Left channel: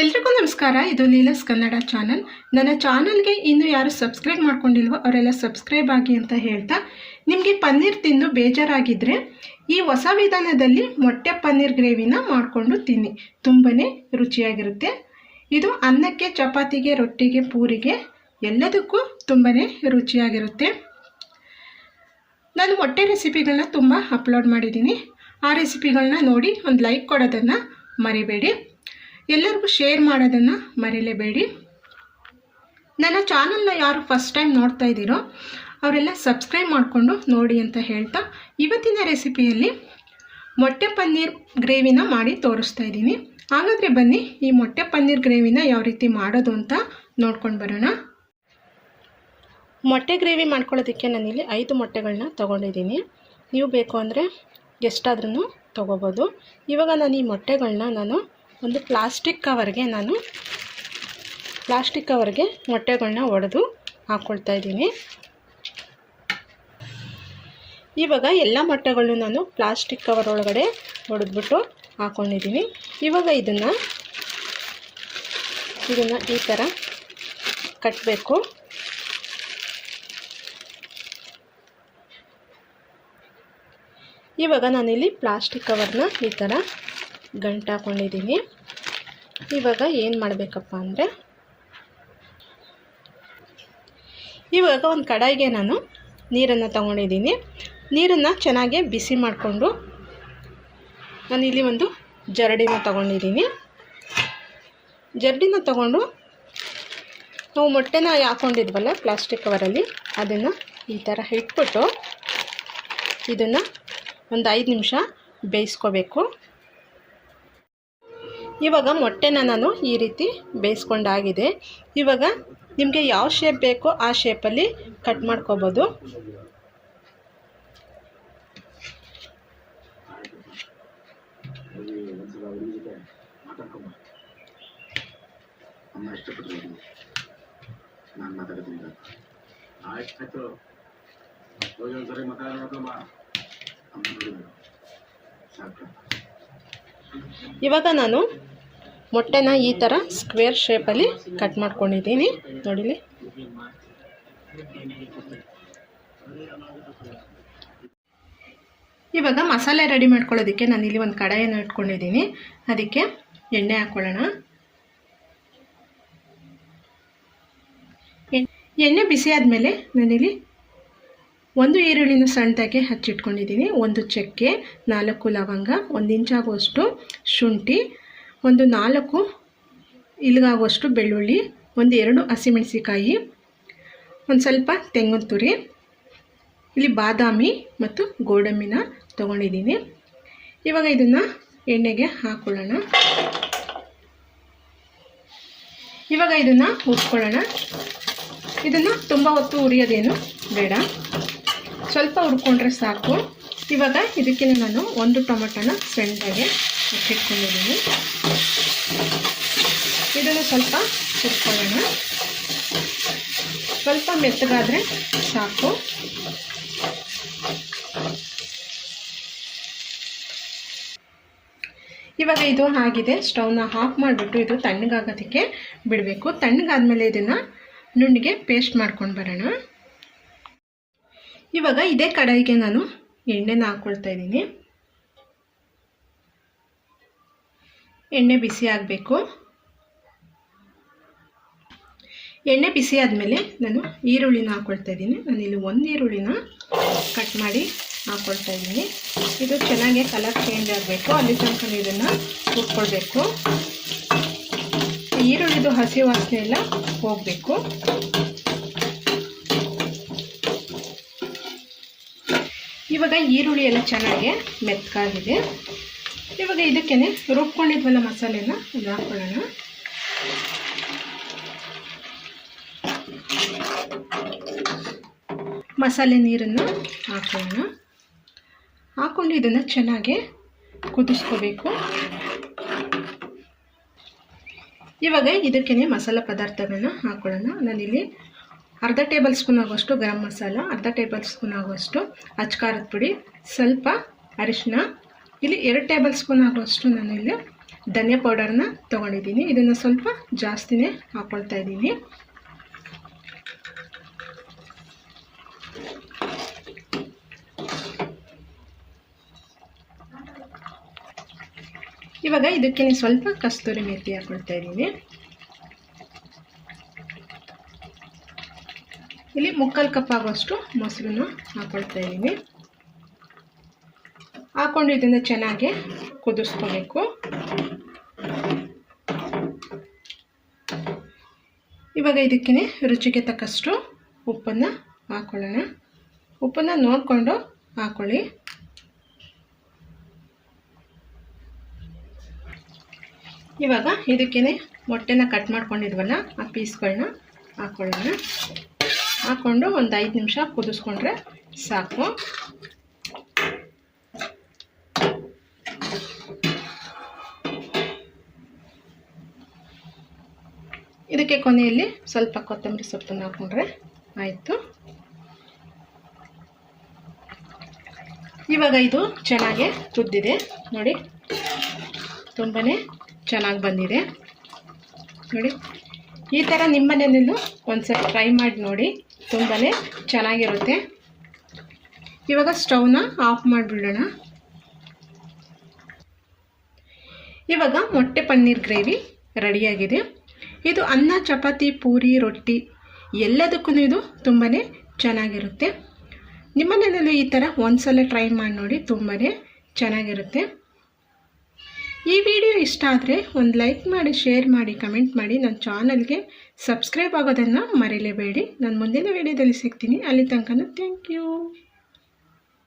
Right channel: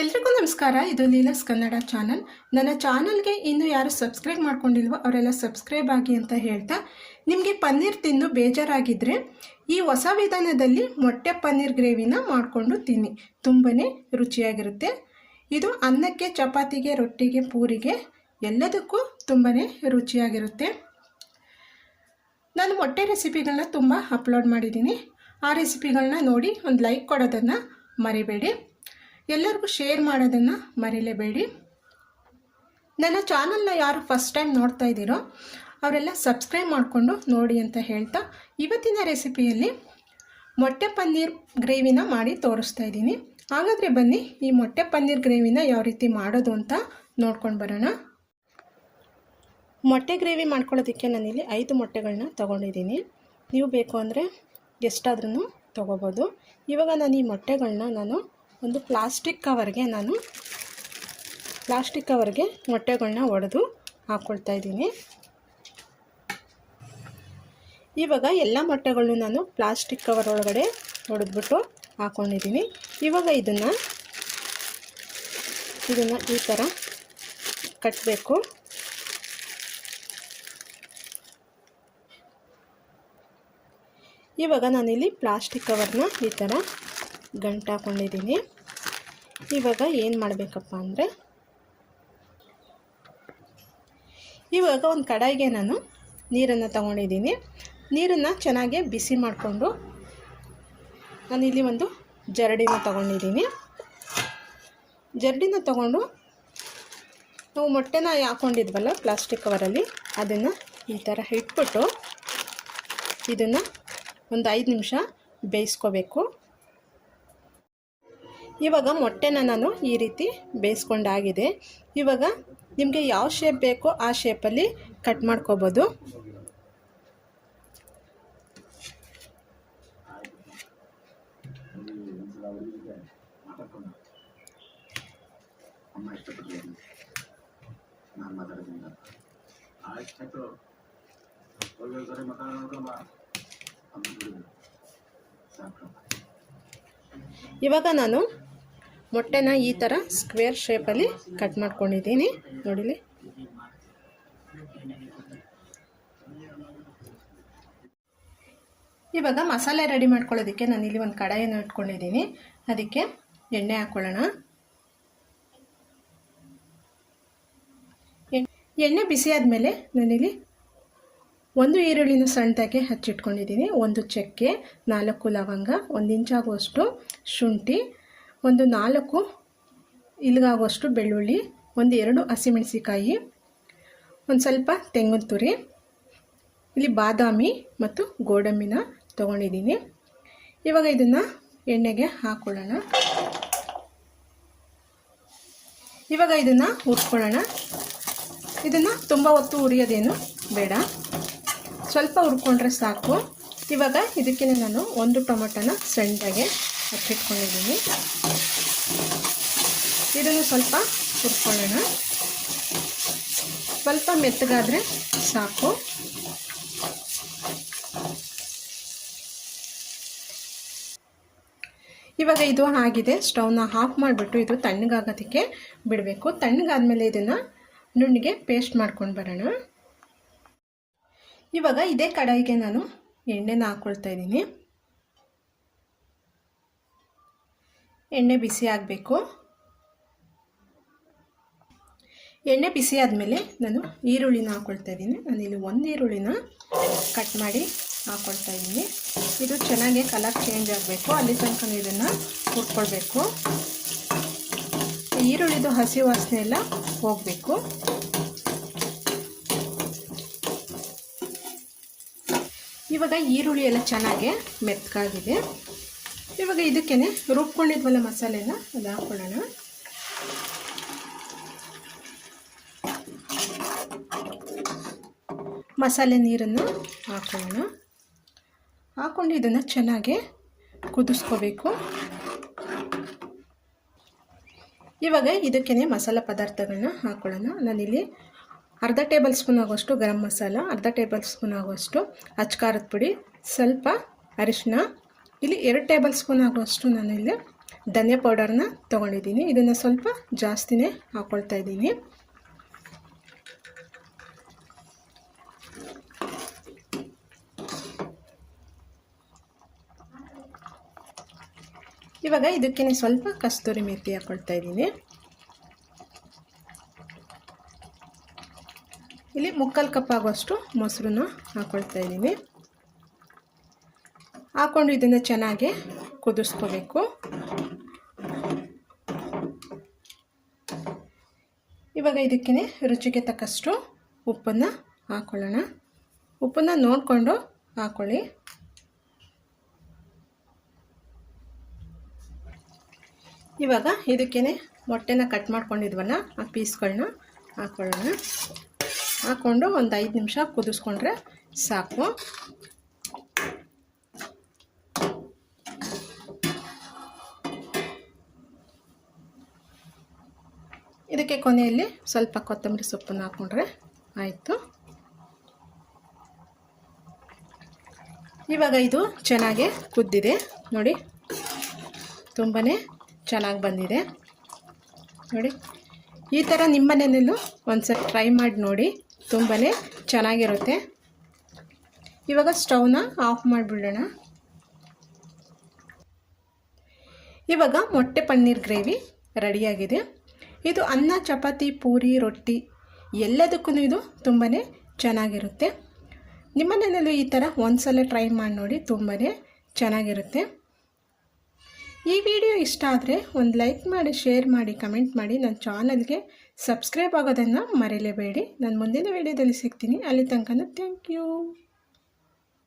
ಎಲ್ರಿಗೂ ನಮಸ್ಕಾರ. ಇದು ಲೀಲಾಸ್ ಕನ್ನಡ ಚಾನಲ್. ನನ್ನ ಚಾನಲ್ಗೆ ಇನ್ನೂ ಯಾರು ಸಬ್ಸ್ಕ್ರೈಬ್ ಮಾಡ್ಕೊಂಡಿಲ್ವೋ ಅವರೆಲ್ಲ ಸಬ್ಸ್ಕ್ರೈಬ್ ಆಗಿ ಅಂತ ಹೇಳ್ತಾ, ನಿಮಗೆ ಪನ್ನೀರ್ ತಿಂದು ಬೇಜಾರಾಗಿದ್ದರೆ ಈ ಹೊಸ ವಿಧಾನದಲ್ಲಿ ಮೊಟ್ಟೆ ಪನ್ನೀರ್ ಗ್ರೇವಿನ ಮಾಡಿಕೊಂಡು ತಿನ್ನಿ. ತುಂಬಾ ರುಚಿಯಾಗಿರುತ್ತೆ. ಇದು ಅನ್ನಕ್ಕೆ, ಚಪಾತಿಗೆ, ರೊಟ್ಟಿಗೆ, ಪೂರಿಗೆ ಎಲ್ಲದಕ್ಕೂ ತುಂಬಾ ರುಚಿಯಾಗಿರುತ್ತೆ. ನಾನು ಮೊಟ್ಟೆ ರೆಸಿಪಿಗಳನ್ನ ತುಂಬ ಅಪ್ಲೋಡ್ ಮಾಡಿದ್ದೀನಿ. ಆ ರೆಸಿಪಿಗಳನ್ನ ನೋಡಿ ಒಂದು ಲೈಕ್ ಕೊಡೋದನ್ನು ಮರಿಬೇಡಿ. ಎಲ್ಲರಿಗೂ ಶೇರ್ ಮಾಡೋದನ್ನು ಮರಿಲೇಬೇಡಿ. ನನ್ನ ಚಾನಲ್ನ ಯಾರು ಫಸ್ಟ್ ಟೈಮ್ ನೋಡ್ತಾ ಇದ್ದೀರೋ ಅವರೆಲ್ಲ ಸಬ್ಸ್ಕ್ರೈಬ್ ಮಾಡಿಕೊಂಡು ನೋಡಿ ಅಂತ ಹೇಳ್ತಾ, ಇವತ್ತಿನ ರೆಸಿಪಿಯಲ್ಲಿ ಮೊಟ್ಟೆ ಪನ್ನೀರ್ ಗ್ರೇವಿನ ಮಾಡಿ ತೋರಿಸ್ತಾ ಇದ್ದೀನಿ. ಹಾಗಾದರೆ ಬನ್ನಿ ಈ ಮೊಟ್ಟೆ ಪನ್ನೀರ್ ಗ್ರೇವಿನ ಯಾವ ರೀತಿ ಮಾಡೋದು ಅಂತ ನೋಡ್ಕೊಂಡು ಬರೋಣ. ಮೊಟ್ಟೆ ಗ್ರೇವಿ ಮಾಡ್ಕೊಳ್ಳೋದಕ್ಕೆ ನಾನಿಲ್ಲಿ 5 ಮೊಟ್ಟೆಗಳನ್ನ ತೊಗೊಂಡಿದ್ದೀನಿ. ನೀವು ಬೇಕು ಅಂದರೆ ಎಷ್ಟಾದ್ರೂ ತೊಗೋಬೋದು. ಇವಾಗ ನಾನು ಈ ಮೊಟ್ಟೆಗಳನ್ನ ಒಂದು ಪ್ಲಾಸ್ಟಿಕ್ ಕವರ್ಗೆ ಮೊಟ್ಟೆಗಳನ್ನ ಒಡೆದು ಹಾಕ್ಕೊಳ್ತಾ ಇದ್ದೀನಿ. ಇವಾಗ ಎಲ್ಲ ಮೊಟ್ಟೆಗಳನ್ನು ನಾನು ಪ್ಲಾಸ್ಟಿಕ್ ಕವರ್ ಒಳಗಡೆ ಒಡೆದ್ಬಿಟ್ಟು ಹಾಕ್ಕೊಂಡಿದ್ದೀನಿ. ಇವಾಗ ಇದನ್ನು ಈ ಥರ ಕಟ್ಟಬೇಕು. ಇವಾಗ ನಾನಿಲ್ಲಿ ಪ್ಲಾಸ್ಟಿಕ್ ಕವರ್ನ ಈ ಥರ ಗಂಟು ಹಾಕ್ಕೊಂಡಿದ್ದೀನಿ. ಇವಾಗ ಏನು ಮಾಡಬೇಕಪ್ಪ ಅಂದರೆ, ಇವಾಗ ಒಂದು ಕಡಾಯಿಗೆ ನಾನು ನೀರನ್ನು ತಗೊಂಡಿದ್ದೀನಿ. ನೀರನ್ನು ಚೆನ್ನಾಗಿ ಬಿಸಿ ಮಾಡಿಕೊಂಡು ನಾನಿಲ್ಲಿ ಒಂದು ಜರಡಿನ ತಗೊಂಡಿದ್ದೀನಿ. ಜರಡಿನ ತಗೊಂಡು ನಾವು ಮೊಟ್ಟೆನ ಹಾಕ್ಕೊಂಡಿದ್ವಲ್ಲ ಪ್ಲಾಸ್ಟಿಕ್ ಕವರಲ್ಲಿ, ಅದನ್ನು ಈ ಥರ ಇಟ್ಬಿಟ್ಟು ಇದನ್ನು ಒಂದು 5 ನಿಮಿಷ ಬೇಯಿಸ್ಕೋಬೇಕು. ಇವಾಗ ಮೊಟ್ಟೆನ ನಾನು ಈ ರೀತಿ ಬೇಯಿಸ್ಕೊಂಡಾಗಿದೆ. ಇವಾಗ ನಿಮಗೆ ಯಾವ ಶೇಪ್ ಬೇಕೋ ಆ ಶೇಪಲ್ಲಿ ಕಟ್ ಮಾಡ್ಕೋಬೋದು. ಇವಾಗ ನಾನು ಮೊಟ್ಟೆನ ಈ ಥರ ಸ್ಕ್ವೇರ್ ಶೇಪಲ್ಲಿ ಕಟ್ ಮಾಡ್ಕೊಂಡಿದ್ದೀನಿ. ನೋಡಿಲಿ, ಇವಾಗ ಮಸಾಲೆ ರೆಡಿ ಮಾಡ್ಕೊಳ್ಳೋದಕ್ಕೆ ನಾನಿಲ್ಲಿ ಒಂದು ಕಡಾಯಿಯನ್ನು ಇಟ್ಕೊಂಡಿದ್ದೀನಿ. ಅದಕ್ಕೆ ಎಣ್ಣೆ ಹಾಕ್ಕೊಳ್ಳೋಣ. ಎಣ್ಣೆ ಬಿಸಿ ಆದಮೇಲೆ ನಾನಿಲ್ಲಿ 1 ಈರುಳ್ಳಿನ ಸಣ್ಣದಾಗಿ ಹಚ್ಚಿಟ್ಕೊಂಡಿದ್ದೀನಿ, 1 ಚಕ್ಕೆ, 4 ಲವಂಗ, 1 ಇಂಚಾಗುವಷ್ಟು ಶುಂಠಿ, ಒಂದು 4 ಇಲ್ಗಾಗುವಷ್ಟು ಬೆಳ್ಳುಳ್ಳಿ, 1-2 ಹಸಿಮೆಣಸಿಕಾಯಿ, ಒಂದು ಸ್ವಲ್ಪ ತೆಂಗಿನ ತುರಿ, ಇಲ್ಲಿ ಬಾದಾಮಿ ಮತ್ತು ಗೋಡಂಬಿನ ತೊಗೊಂಡಿದ್ದೀನಿ. ಇವಾಗ ಇದನ್ನು ಎಣ್ಣೆಗೆ ಹಾಕ್ಕೊಳ್ಳೋಣ. ಇವಾಗ ಇದನ್ನು ಹುರ್ಕೊಳ್ಳೋಣ. ಇದನ್ನು ತುಂಬ ಹೊತ್ತು ಹುರಿಯೋದೇನು ಬೇಡ, ಸ್ವಲ್ಪ ಹುರ್ಕೊಂಡ್ರೆ ಸಾಕು. ಇವಾಗ ಇದಕ್ಕೆ ನಾನು 1 ಟೊಮೆಟೊನ ಸಣ್ಣದಾಗಿ ಹಚ್ಚಿಟ್ಕೊಂಡಿದ್ದೀನಿ. ಇದನ್ನು ಸ್ವಲ್ಪ ಹುರ್ಕೊಳ್ಳೋಣ. ಸ್ವಲ್ಪ ಮೆತ್ತಗಾದರೆ ಸಾಕು. ಇವಾಗ ಇದು ಆಗಿದೆ. ಸ್ಟವ್ನ ಆಫ್ ಮಾಡಿಬಿಟ್ಟು ಇದು ತಣ್ಣಗಾಗೋದಕ್ಕೆ ಬಿಡಬೇಕು. ತಣ್ಣಗಾದ್ಮೇಲೆ ಇದನ್ನು ನುಣ್ಣಗೆ ಪೇಸ್ಟ್ ಮಾಡ್ಕೊಂಡು ಬರೋಣ. ಇವಾಗ ಇದೇ ಕಡಾಯಿಗೆ ನಾನು ಎಣ್ಣೆನ ಹಾಕ್ಕೊಳ್ತಾ ಇದ್ದೀನಿ. ಎಣ್ಣೆ ಬಿಸಿ ಆಗಬೇಕು. ಎಣ್ಣೆ ಬಿಸಿ ಆದಮೇಲೆ ನಾನು ಈರುಳ್ಳಿನ ಹಾಕ್ಕೊಳ್ತಾ ಇದ್ದೀನಿ. ನಾನಿಲ್ಲಿ 1 ಈರುಳ್ಳಿನ ಕಟ್ ಮಾಡಿ ಹಾಕ್ಕೊಳ್ತಾ ಇದ್ದೀನಿ. ಇದು ಚೆನ್ನಾಗಿ ಕಲರ್ ಚೇಂಜ್ ಆಗಬೇಕು, ಅಲ್ಲಿ ತನಕ ಇದನ್ನು ಹುರ್ಕೊಳ್ಬೇಕು. ಈರುಳ್ಳಿದು ಹಸಿ ವಾಸನೆ ಎಲ್ಲ ಹೋಗಬೇಕು. ಇವಾಗ ಈರುಳ್ಳಿ ಎಲ್ಲ ಚೆನ್ನಾಗಿ ಮೆತ್ತಗಾಗಿದೆ. ಇವಾಗ ಇದಕ್ಕೆ ರುಬ್ಕೊಂಡಿದ್ವಲ್ಲ ಮಸಾಲೆನ ಅದು ಹಾಕ್ಕೊಳ್ಳೋಣ. ಮಸಾಲೆ ನೀರನ್ನು ಹಾಕ್ಕೊಳ್ಳೋಣ. ಹಾಕ್ಕೊಂಡು ಇದನ್ನು ಚೆನ್ನಾಗಿ ಕುದಿಸ್ಕೋಬೇಕು. ಇವಾಗ ಇದಕ್ಕೆ ಮಸಾಲೆ ಪದಾರ್ಥಗಳನ್ನ ಹಾಕ್ಕೊಳ್ಳೋಣ. ನಾನಿಲ್ಲಿ ಅರ್ಧ ಟೇಬಲ್ ಸ್ಪೂನ್ ಆಗುವಷ್ಟು ಗರಂ ಮಸಾಲ, ಅರ್ಧ ಟೇಬಲ್ ಸ್ಪೂನ್ ಆಗುವಷ್ಟು ಅಚ್ಚ ಖಾರದ ಪುಡಿ, ಸ್ವಲ್ಪ ಅರಿಶಿನ, ಇಲ್ಲಿ 2 ಟೇಬಲ್ ಸ್ಪೂನ್ ಆಗುವಷ್ಟು ನಾನಿಲ್ಲಿ ಧನಿಯಾ ಪೌಡರ್ನ ತೊಗೊಂಡಿದ್ದೀನಿ. ಇದನ್ನು ಸ್ವಲ್ಪ ಜಾಸ್ತಿನೇ ಹಾಕ್ಕೊಳ್ತಾ ಇದ್ದೀನಿ. ಇವಾಗ ಇದಕ್ಕೆ ಸ್ವಲ್ಪ ಕಸ್ತೂರಿ ಮೆಥಿ ಹಾಕ್ಕೊಳ್ತಾ ಇದ್ದೀನಿ. ಇಲ್ಲಿ 3/4 ಕಪ್ ಆಗೋಷ್ಟು ಮೊಸರನ್ನ ಹಾಕ್ಕೊಳ್ತಾ ಇದ್ದೀನಿ. ಹಾಕ್ಕೊಂಡು ಇದನ್ನು ಚೆನ್ನಾಗಿ ಕುದಿಸ್ಕೋಬೇಕು. ಇವಾಗ ಇದಕ್ಕೆ ರುಚಿಗೆ ತಕ್ಕಷ್ಟು ಉಪ್ಪನ್ನು ಹಾಕ್ಕೊಳ್ಳೋಣ. ಉಪ್ಪನ್ನು ನೋಡಿಕೊಂಡು ಹಾಕ್ಕೊಳ್ಳಿ. ಇವಾಗ ಇದಕ್ಕೆ ಮೊಟ್ಟೆನ ಕಟ್ ಮಾಡ್ಕೊಂಡಿದ್ವಲ್ಲ ಆ ಪೀಸ್ಗಳನ್ನ ಹಾಕ್ಕೊಳ್ಳೋಣ. ಹಾಕ್ಕೊಂಡು ಒಂದು 5 ನಿಮಿಷ ಕುದಿಸ್ಕೊಂಡ್ರೆ ಸಾಕು. ಇದಕ್ಕೆ ಕೊನೆಯಲ್ಲಿ ಸ್ವಲ್ಪ ಕೊತ್ತಂಬರಿ ಸೊಪ್ಪನ್ನು ಹಾಕ್ಕೊಂಡ್ರೆ ಆಯಿತು. ಇವಾಗ ಇದು ಚೆನ್ನಾಗಿ ಕುದ್ದಿದೆ ನೋಡಿ, ತುಂಬಾ ಚೆನ್ನಾಗಿ ಬಂದಿದೆ ನೋಡಿ. ಈ ಥರ ನಿಮ್ಮ ಮನೆಯಲ್ಲೂ ಒಂದ್ಸಲ ಟ್ರೈ ಮಾಡಿ ನೋಡಿ, ತುಂಬಾ ಚೆನ್ನಾಗಿರುತ್ತೆ. ಇವಾಗ ಸ್ಟವ್ನ ಆಫ್ ಮಾಡಿಬಿಡೋಣ. ಇವಾಗ ಮೊಟ್ಟೆ ಪನ್ನೀರ್ ಗ್ರೇವಿ ರೆಡಿಯಾಗಿದೆ. ಇದು ಅನ್ನ, ಚಪಾತಿ, ಪೂರಿ, ರೊಟ್ಟಿ ಎಲ್ಲದಕ್ಕೂ ಇದು ತುಂಬಾ ಚೆನ್ನಾಗಿರುತ್ತೆ. ನಿಮ್ಮ ಮನೆಯಲ್ಲೂ ಈ ಥರ ಒಂದ್ಸಲ ಟ್ರೈ ಮಾಡಿ ನೋಡಿ, ತುಂಬಾ ಚೆನ್ನಾಗಿರುತ್ತೆ. ಈ ವಿಡಿಯೋ ಇಷ್ಟ ಆದರೆ ಒಂದು ಲೈಕ್ ಮಾಡಿ, ಶೇರ್ ಮಾಡಿ, ಕಮೆಂಟ್ ಮಾಡಿ. ನನ್ನ ಚಾನಲ್ಗೆ ಸಬ್ಸ್ಕ್ರೈಬ್ ಆಗೋದನ್ನು ಮರೀಲೇಬೇಡಿ. ನಾನು ಮುಂದಿನ ವಿಡಿಯೋದಲ್ಲಿ ಸಿಗ್ತೀನಿ. ಅಲ್ಲಿ ತನಕ ಥ್ಯಾಂಕ್ ಯು.